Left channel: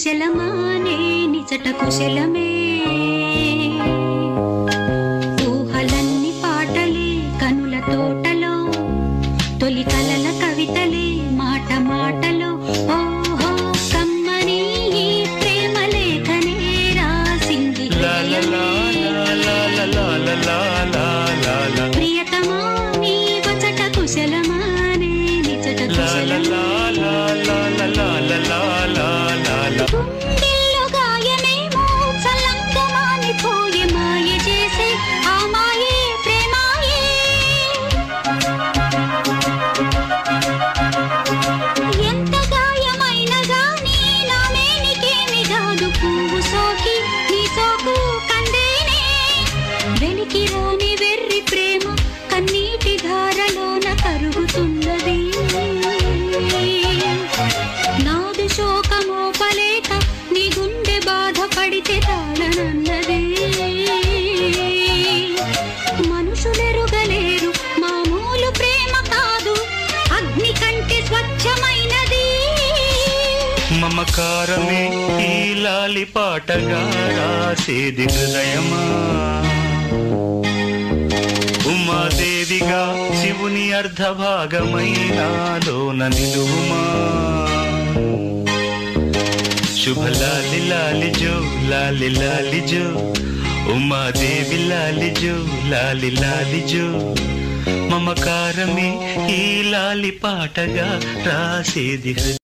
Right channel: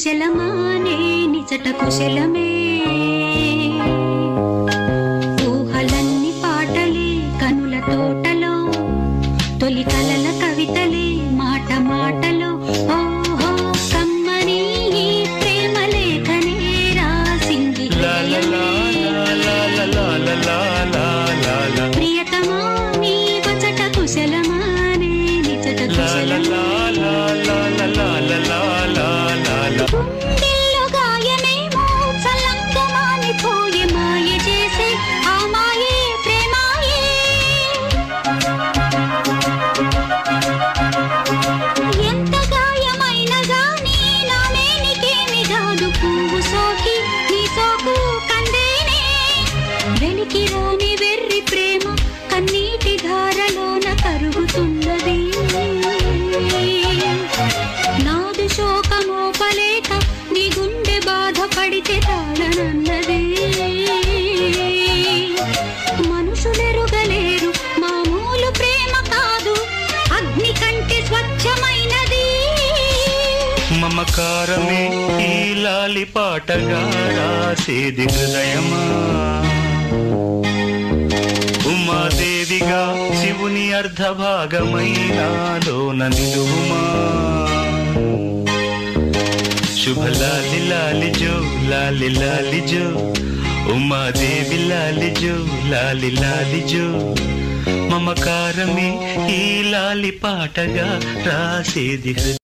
కుశలమా నిజట కుశలమే ఊహలన్నీ పాటలే కనుల తోటలో తొలి కలల కవితలే మాట మాటలో ఓహో కమ్మని ప్రేమ లేఖనే రాసింది ప్రియతమా నీ వచట కుశలమా నిజట కుశలమా గుండెల్లో గాయమేమో చల్లంగమాని పోయి మాయ చేసే ఆ మాయే ప్రేమాయే ఎంత గాయమైన గాని నానేనికేమి కాదు పువ్వు సోకి నీ సోకు కందేనే వెలికి రాని వెర్రి ప్రేమ కన్నీటి ధారలోన కరుగుతున్నది నాది శోకమోపలేక నీ గుండె బాధపడితే తాళనన్నది మనుషులెరుగలేరు మామూలు ప్రేమ కాదు అగ్ని కంటే స్వచ్ఛమైనది మమకారమే ఈ లాలి పాటగా రాసేది హృదయమా ఉమాదేవిగా శివుని అర్ధభాగమైనాలోన నిలువుమా శుభ లాలి లాలి జో లాలి లాలి జో ఉమాదేవి లాలి జో లాలి లాలి జో మమకారమే ఈ లాలి పాటగా రాసేది